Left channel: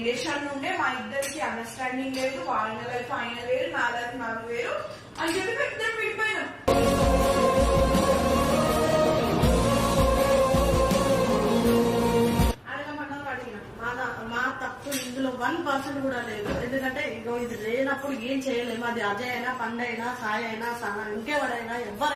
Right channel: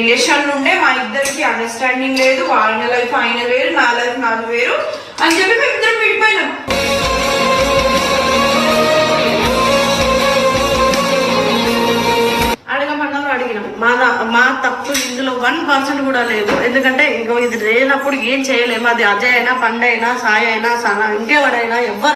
Relation ఉంటే మా ఇద్దరికి అండర్స్టాండింగ్ లేదు, ఆయన లైఫ్ ఆయన వేరు, నా లైఫ్ నాది వేరు అని చెప్పి మేము ఇద్దరం విడిపోయినాం. అడిగినాం. మా తప్పు ఇందులో 1% కూడా లేదు. ఎందుకంటే ఇంకో ఇది లేనప్పుడు ఏం చేయలేము. అది అజయ్ అయినా, పండు అయినా, సాయి అయినా, సనా, ఇంకెవరైనా ఎవరు